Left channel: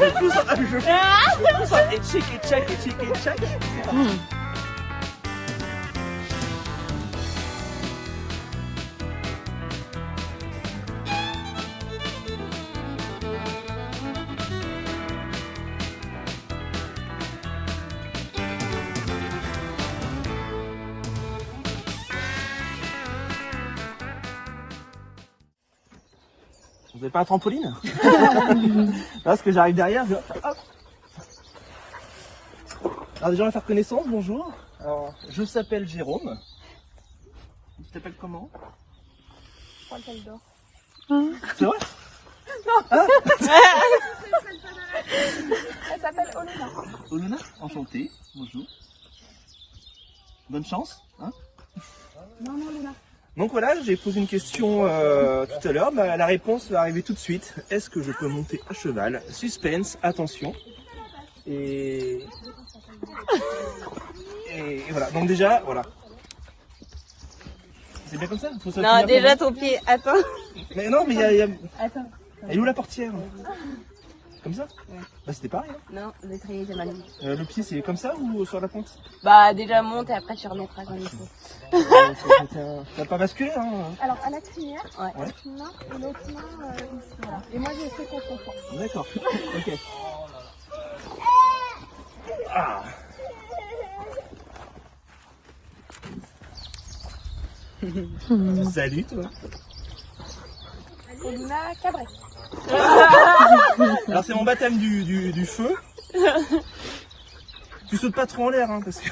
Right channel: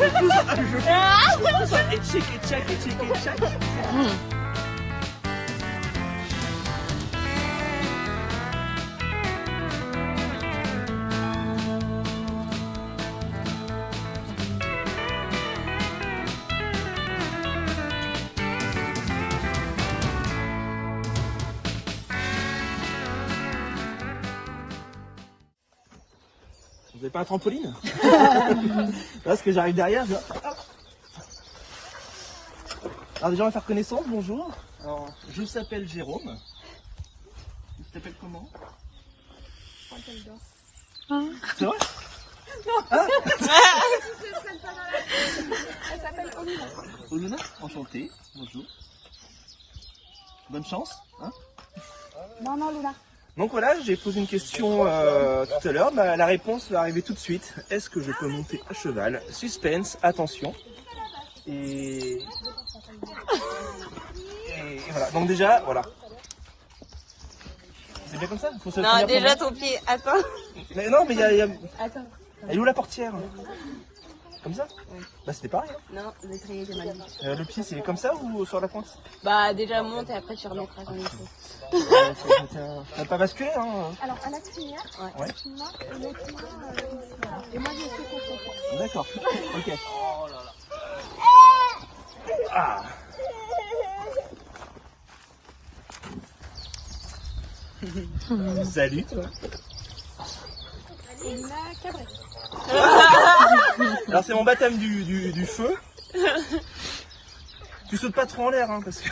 Le pouce en et check et check et check et check. Vous n'avez pas un trampoline? Là, ce que j'arrive derrière, je... Hop. Alors déjà on va faire connaissance, bonjour. Alors, je s'appelle Jérôme. Tu t'appelles comment? C'est vrai? Non. Ah. Elle s'appelle Oluna. Oluna, enchantée, bonjour. Bonne chance, hein? Non, Luna. Donc voilà, j'ai posé une question tout à l'heure, la réponse va arriver tout de suite. Est-ce que je peux monter à cheval? Suspense, attention. Et voilà, donc déjà, voilà. C'est bien comme ça? Faut Non, déjà ton pied, attends. Mais non, mais il y a... Attends. Elle est où la portière? Comme ça? Ouais. Bah c'était pareil, hein. Non, le trier était mal mis. Le pied c'est comme ça ou sur la pointe? Bah déjà monte et après tu remettras comme il faut. T'as pas basculé, hein? Alors, à la crinière, Ouais. avec une main et l'autre main ici, voilà. Et moi, j'ai fait contre toi. D'accord, ok. Ah. Salut toi. Oluna Cabret. Alors c'est mon baptême du feu. Tu sautes pas trop en l'air, hein, parce que...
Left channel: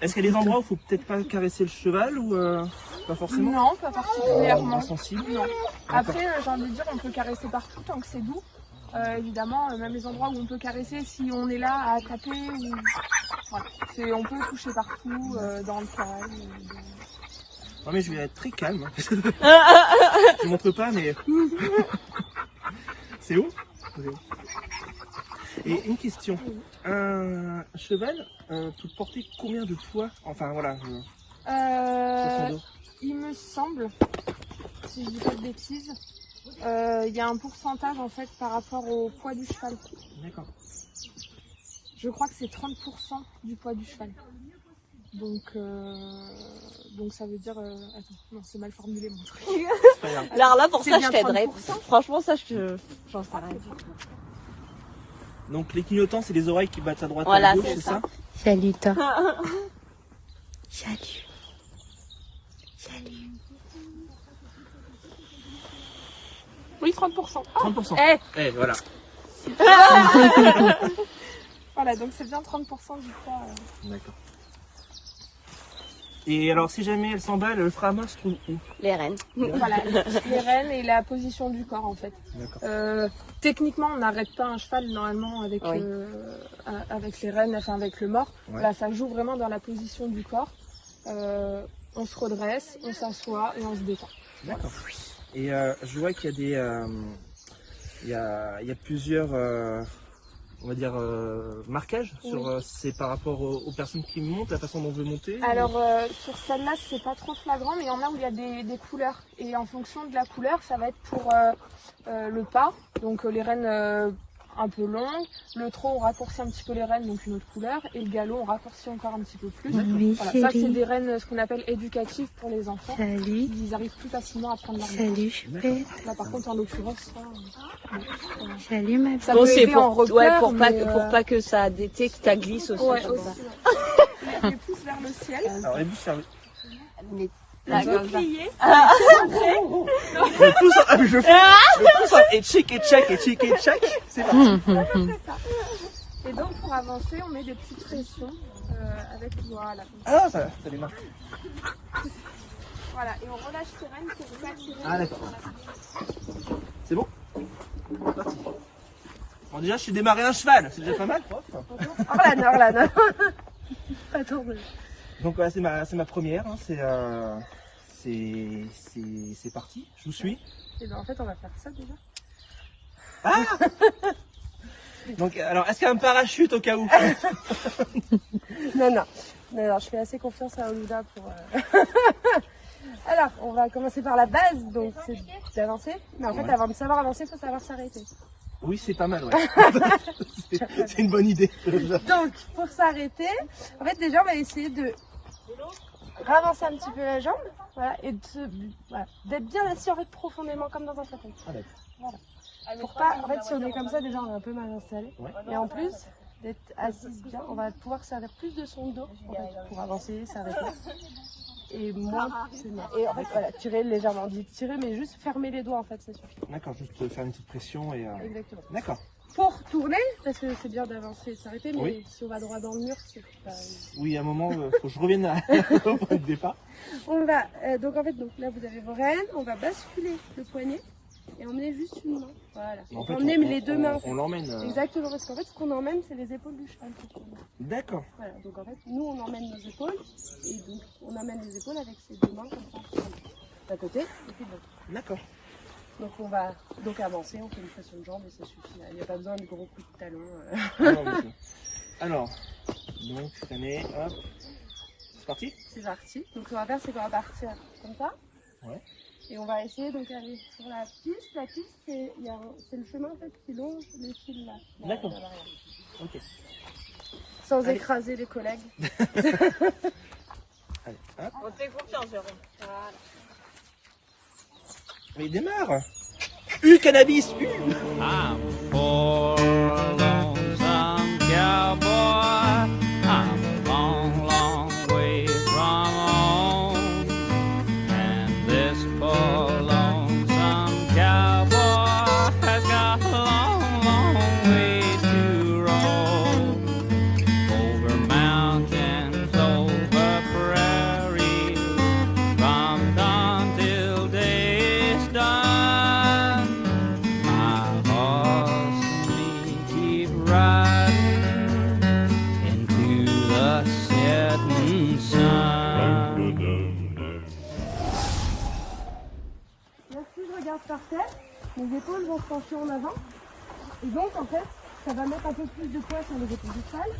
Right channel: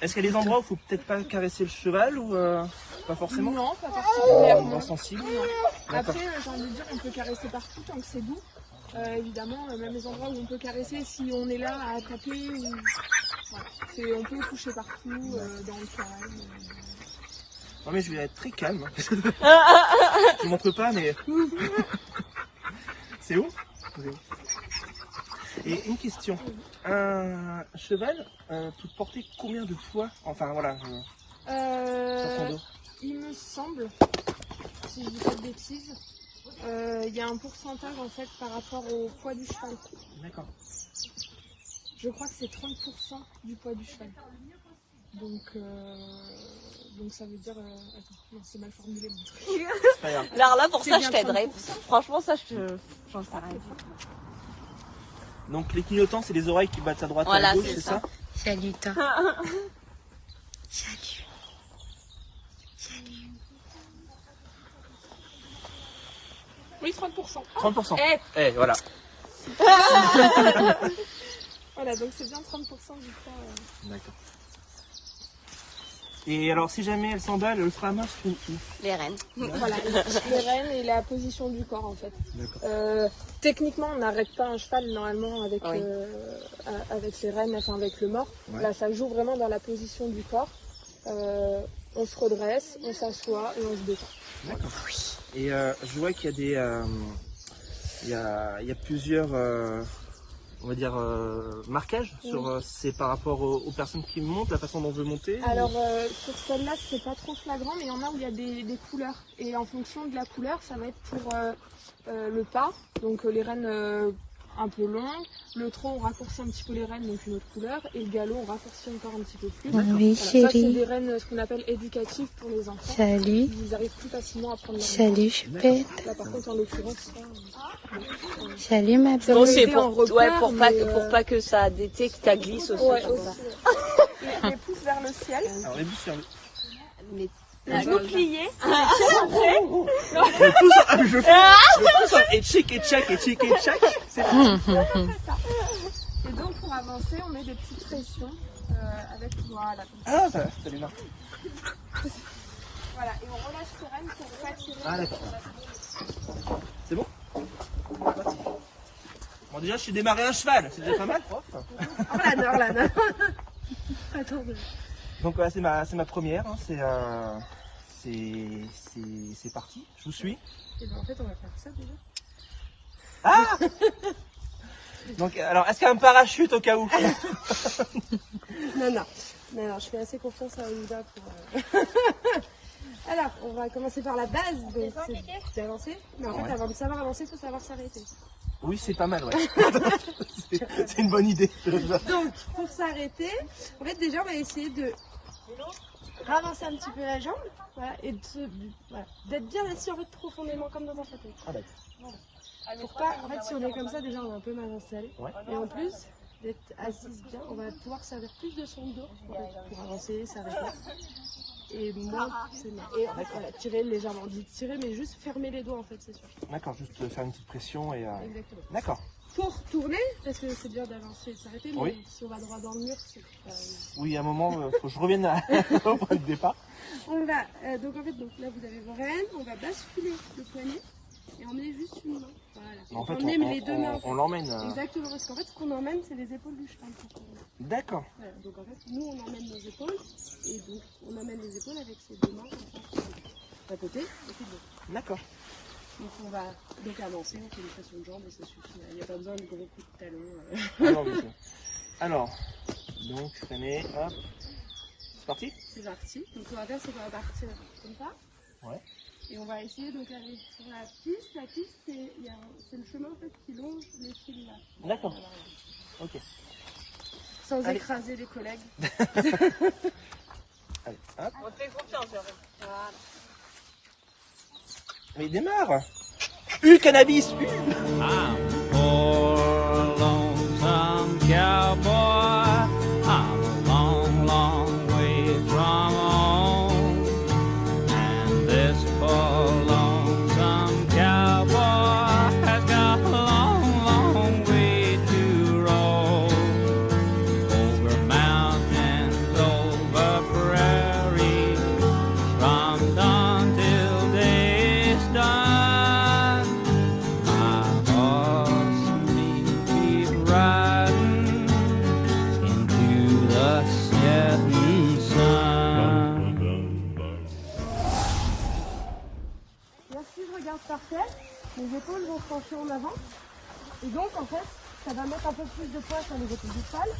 Est-ce qu'il y a des endroits où il faut peut-être pas caresser le cheval ou pas forcément? Non, pas particulièrement. Pas sensible. Non. D'accord. Après, j'ai envie de dire, on peut caresser partout tant que c'est doux. Évidemment, même les endroits où on peut caresser, si on est là à attraper, ou... voilà. On peut toucher partout, dans le calme. Non mais je vais être très calme. Je ne montre pas mais... C'est où? Et une question. Un cheval peut porter combien de poids? Enfin voilà, sur son dos. Il me semble, si je dis pas de bêtises, il y a un pourcentage en fait par rapport au poids du cheval. D'accord. Je crois que c'est 30% du poids du cheval. Donc ça veut dire... attends, non, c'est mal formulé mon truc. C'est pas grave. Alors là, pour C'est ça, bien je t'aiderais. 30%. Franchement, ça, j'en Je sais crois que rien. c'est 30%. Donc les clignotants, c'est les oreilles qui battent à droite et Voilà, à gauche, c'est c'est ça. ça? Salut toi. Oui, 30%. 30%. Eh, Eh, voilà. voilà, donc c'est bien 30% du poids. D'accord. Et alors, si jamais elle s'emballe, le frama se trouve où? Les rennes. Voilà, le renne et la position du corps en fait. D'accord. Techniquement, on n'arrête pas un cheval normalement avec, Oui. avec les rênes, enfin avec le mort. Ouais. Là, ça joue vraiment dans la position du corps. On se redresse, on s'assoit et on se détend. D'accord. Et je vois qu'il y a des... il y a plusieurs... on va dire marquages sur c'est par rapport aux personnes qui montent, la façon dont on veut monter. Alors sur celle-là, c'est pas trop flagrant, mais il y en a où il y a des couleurs. Et en fonction de la couleur, ça va être pour le pas, donc les rênes un peu longues. Le trot, on raccourcit un petit peu les rênes, donc une autre couleur. Et le galop, on raccourcit encore un petit peu plus. Oui, Voilà, ça, c'est chérie. des rênes, ce qu'on appelle éducatives pour les enfants. Salut. Ils arrivent plus facilement à prendre leur Salut, chouette. Là, par contre, en l'occurrence, Salut ma ça belle. peut C'est aider en pour, repère, pour, mais pour pas que ça détecte, que ça glisse aussi. ouais, aussi. On pousse vers le ciel. Alors les bouches fermées. Mais On peut plier. Le pouce en... je fais le pouce en... et check et check et check et check. C'est parti. Et donc pour avancer, on met des petites pressions avec voilà. Ah, ça démarre. Voilà, et on relâche les rênes pour s'attirer. Ah d'accord. C'est bon? Parti. Bon déjà, je suis démarré un cheval, c'est déjà pas mal. Hop. Orlan. Attends. Donc voilà, c'est ma première. Hein. C'est parti. Je vous suis. Et ben en fait, on va faire ça déjà. Ah. Donc alors, est-ce qu'il y a un parachute au cas où? Non, je fais assez confiance à Olivia pour. Alors, on va commencer par la base, donc c'est d'avancer. Mais en fait, Ouais. avant de savoir avancer, il faut savoir s'arrêter. Oui, c'est pas mal, ouais. C'est une bonne idée. Donc, pour s'arrêter, en fait, déjà, on va essayer de ravancer un petit peu la jambe, voilà, et voilà, d'être bien assis en fait profondément comme dans un fauteuil. Ah, d'accord. Voilà. Pour pas, en fait, si on est comme ça, déjà, on est un peu mal installé. Ouais. Et en plus d'être assise bien, on va pouvoir servir plus de son dos en fait, pour avancer, s'arrêter. Et moins pousser non. Et en fait, voilà, tirer légèrement. On dit tirer, mais juste fermer les doigts en fait, c'est sûr. D'accord, juste faire une petite pression et... Exactement. D'accord. Pour tourner, parce que c'est bien d'avancer et de s'arrêter, mais Oui. si on va droit dans le mur, c'est pas. Oui, à un moment, faut que je revienne au point de départ. On va, donc en fait, donc là vous avez vos rênes, on va basculer le poignet et emmener juste une main. Voilà. En fait, on emmener les deux mains. On l'emmène... Exactement, parce qu'en fait, ce qu'on emmène, c'est les épaules du cheval pour tourner. D'accord. Voilà, donc en fait, nous on emmène nos épaules et donc on emmène les épaules avec ces deux mains comme ça, d'un côté et puis de l'autre. D'accord. Donc on va donc avancer, on fait une pression de jambe et ça suffit. Il n'y a pas besoin de gros coups de talon. Alors, monsieur. Alors, donc, freiner, hop. C'est parti? C'est parti. Donc ce qu'on va faire, c'est qu'on va partir comme ça. Ouais. Et on va essayer donc d'aller sur la piste. La piste, c'est le chemin en fait qui longe les fils là. D'accord. Voilà, voilà. Ok. Sans Allez. écraser les collègues. Allez, hop. Mais il démarre. Cannabis. I'm a poor lonesome cowboy. I'm a long, long way from home. And this poor lonesome cowboy has got a long, long way to roll. Over mountains, over prairies, from dawn till day's done. My horse and me keep riding into the setting sun. Merci, je regarde par terre. Les épaules vont se pencher en avant. Et donc en fait, ça va mettre un peu plus de poids sur les épaules du cheval.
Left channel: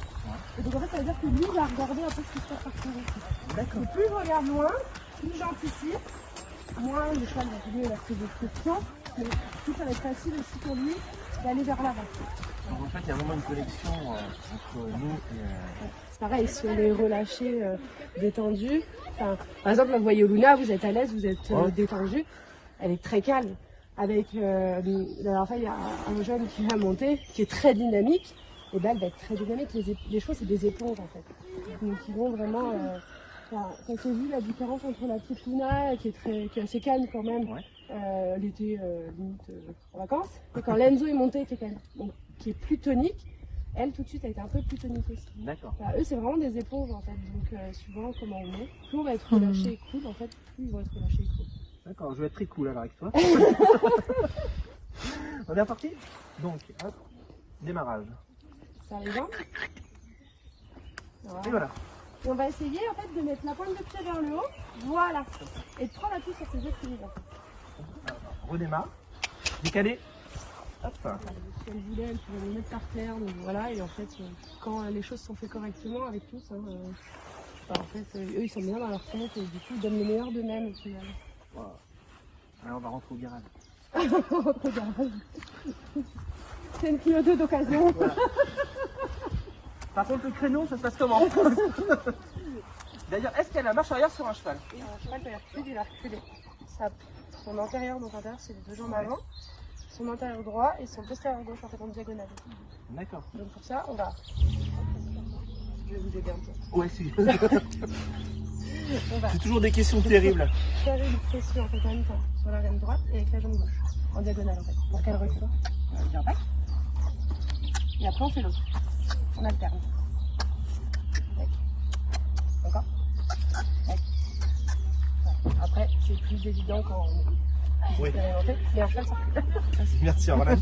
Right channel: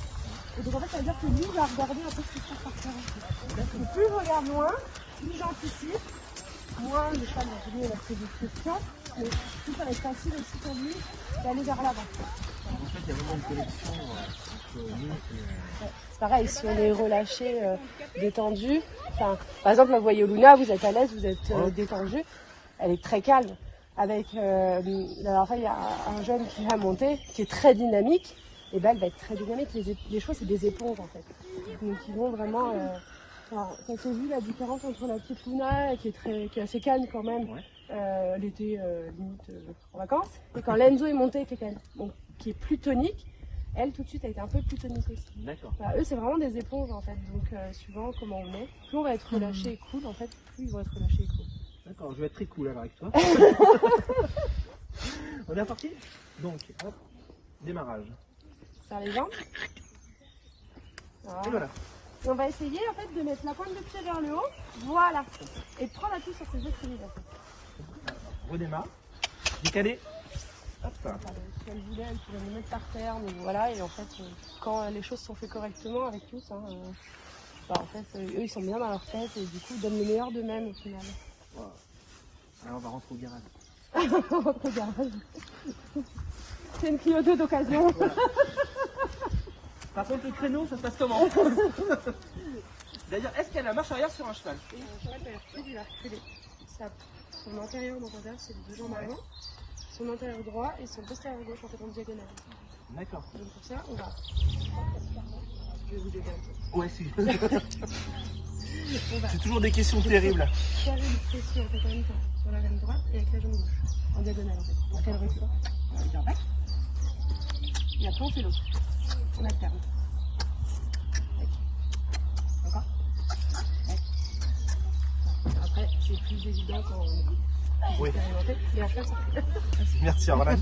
Et donc en fait, ça veut dire que lui va regarder un peu ce qui se passe par terre aussi. D'accord. Et plus je regarde loin, plus j'anticipe, moins le cheval va jouer la prise de pression, mais plus ça va être facile aussi pour lui d'aller vers l'avant. En fait, il y a vraiment une connexion entre nous et... C'est pareil, si on est relâché, détendu, enfin, par exemple, la voyez Luna, vous êtes à l'aise, vous êtes détendu, elle est très calme. Avec, la dernière fois, il y a un jeune qui va monter, qui est très dynamique, et ben elle va être très dynamique. Les chevaux, c'est des éponges en fait. Donc ils vont vraiment. Enfin, ça s'est vu la différence entre la petite Luna, qui est assez calme quand même, Ouais. elle était limite en vacances, et quand Lenzo est monté, qui est plus tonique, elle tout de suite a été un peu plus tonique aussi. D'accord. Voilà, eux, c'est vraiment des éponges en fait, donc suivant comment on est, plus on va être relâché et cool, en fait, plus ils vont être relâchés et cool. D'accord, je vais être très cool alors avec toi. On est reparti? Donc, hop, démarrage. Serre les jambes. Voilà. Et voilà. Et on va essayer en fait de mettre la pointe de pied vers le haut, voilà, et de prendre appui sur ses équilibres. En fait. Redémarre. Décalé. Hop. Si elle voulait, elle pourrait le mettre par terre, mais voilà, et en fait, quand les choses sont faites correctement avec tous, hein, en fait, eux ils sont bien dans leur tête et du coup ils donnent le meilleur d'eux-mêmes au final. Voilà. Alors on va rentrer au garage. Regarde. C'est une tuyauteuse d'occasion. Voilà. Par contre, le créneau, ça se passe comment? D'ailleurs, est-ce qu'il y a la marche arrière sur un cheval? Un cheval va reculer, il va reculer. Son antérieur, donc antérieur, c'est les deux jambes avant. Son antérieur droit et son postérieur gauche en fait en diagonale. D'accord. Donc pour ça, on va. Je vais vous aider un peu. Ouais, c'est... On va C'est toujours des questions terribles. faire une pression en fait en même temps sur la jambe droite et avec la jambe gauche. En diagonale en fait. Pour qu'elle recule. On va dire back. Et après on fait l'autre. On alterne. Back. Encore. Back. Voilà. Après, c'est plus évident quand on est plus Oui. expérimenté. Mais à cheval, ça recule. Merci, alors là,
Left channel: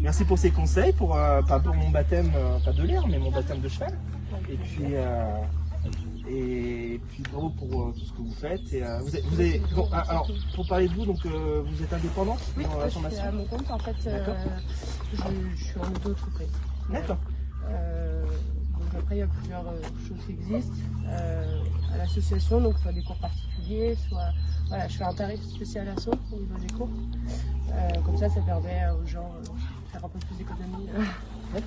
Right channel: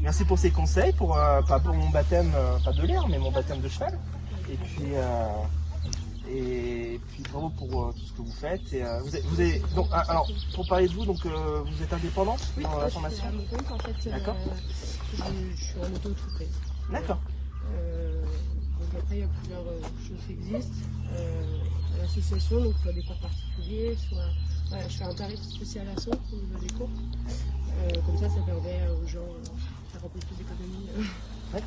merci pour ces conseils, pour pas pour mon baptême, pas de l'air, mais mon baptême de cheval. Et puis bravo pour tout ce que vous faites. Et, vous avez, donc, alors, pour parler de vous, donc, vous êtes indépendant Oui, dans la je suis formation? à mon compte en fait. D'accord. Je suis en auto-entreprise. D'accord. Donc après, il y a plusieurs choses qui existent. À la association, donc soit des cours particuliers, soit voilà, je fais un tarif spécial assaut au niveau des cours. Comme ça permet aux gens de faire un peu plus d'économie,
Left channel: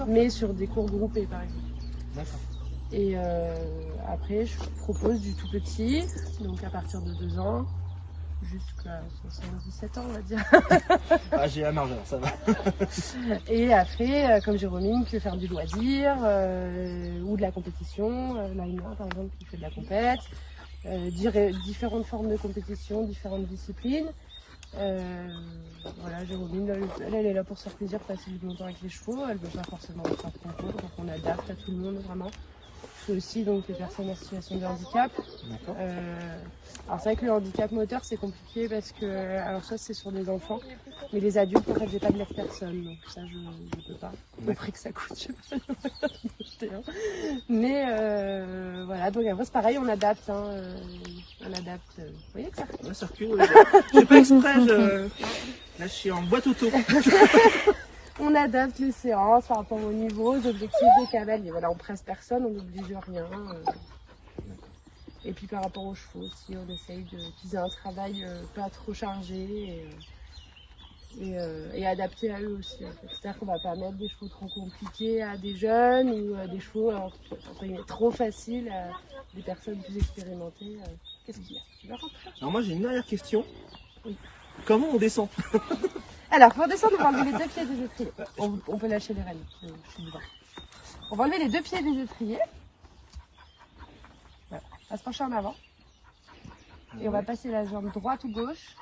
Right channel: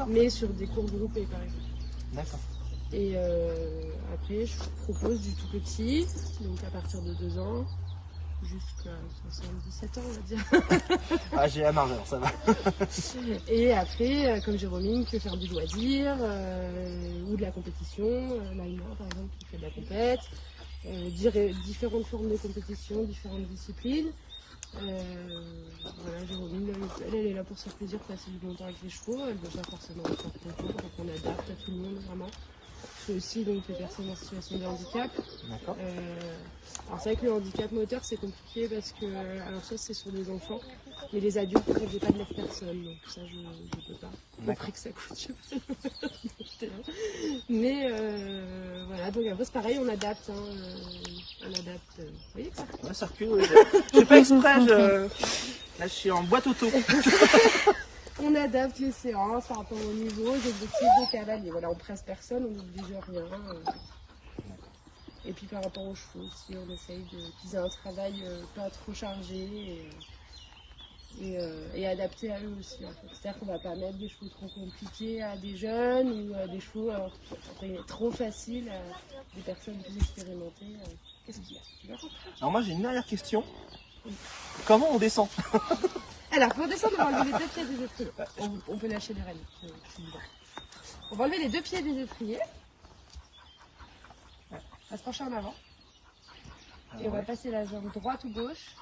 mais sur des cours groupés par exemple. D'accord. Et après, je propose du tout petit, donc à partir de 2 ans, jusqu'à 77 ans, on va dire. Ah, j'ai la marge, alors ça va. Et après, comme Jérôme, qui veut faire du loisir ou de la compétition, Naïma par exemple qui fait de la compète, différentes formes de compétition, différentes disciplines. Voilà, Jérôme, elle est là pour se faire plaisir, passer du bon temps avec les chevaux, elle ne veut pas forcément faire de concours, donc on adapte à tout le monde vraiment. Je fais aussi donc les personnes en situation de handicap. D'accord. Alors c'est vrai que le handicap moteur c'est compliqué parce que, alors ça c'est sur des enfants, mais les adultes en fait j'ai pas de lève-personne, donc ça je peux pas, au prix que ça coûte. Mais voilà, donc après c'est pareil, on adapte, hein, on adapte. Vous voyez que ça Ouais, surtout, je fais exprès, là je suis en boîte auto. On adapte les séances par rapport au niveau, aux objectifs de canal. Et voilà, on presse personne, on n'oblige rien. Et puis par rapport aux chevaux aussi, on essaye qu'ils aient un travail pas trop chargé et adapté à eux aussi. En fait. C'est-à-dire qu'on ne va pas mettre des chevaux trop compliqués à des jeunes ou des chevaux trop faciles à des personnes plus expérimentées. Qu'est-ce qu'il y a? Tu vas rentrer? Alors moi j'ai une dernière question. Oui. Comment on descend? Alors, pour descendre, on va enlever les 2 pieds des étriers. On peut lâcher les rênes. On va enlever les 2 pieds des étriers. Voilà. On va se pencher en avant. Et on va passer la jambe droite ou gauche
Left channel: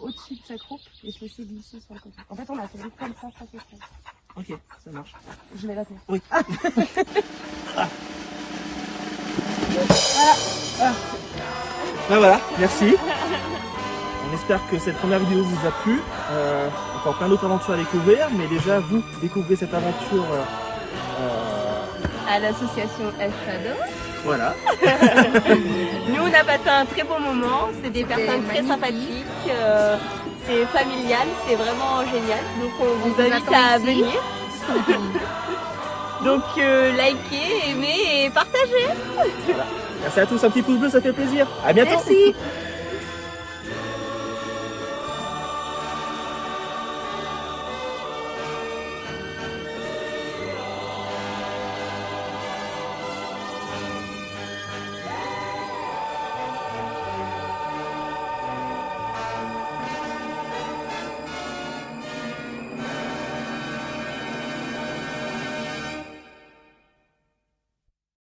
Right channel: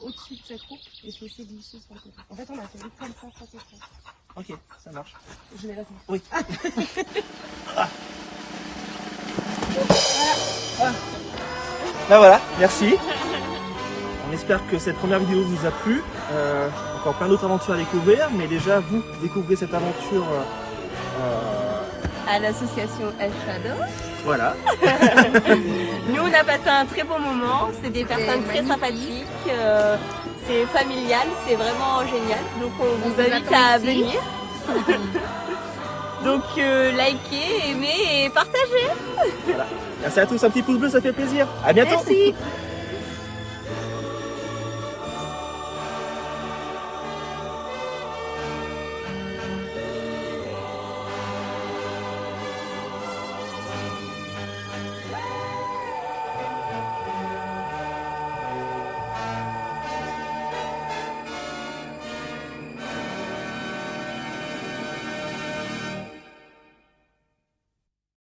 au-dessus de sa croupe et se laisser glisser sur le côté. En fait, on a fait comme ça, ça c'est ça. Ok, ça marche. Je vais la tenir. Oui. Voilà. Ben voilà, merci. On espère que cette première vidéo vous a plu. Encore plein d'autres aventures à découvrir, mais déjà vous découvrez cette aventure À l'association El Shadow. voilà. Nous, on a passé un très bon moment. C'est des personnes très sympathiques. C'est familial. C'est vraiment génial. Donc, on vous invite à venir. Donc, likez, aimez et partagez. Voilà. Merci à tous, un petit pouce bleu, ça fait plaisir. À bientôt. Merci.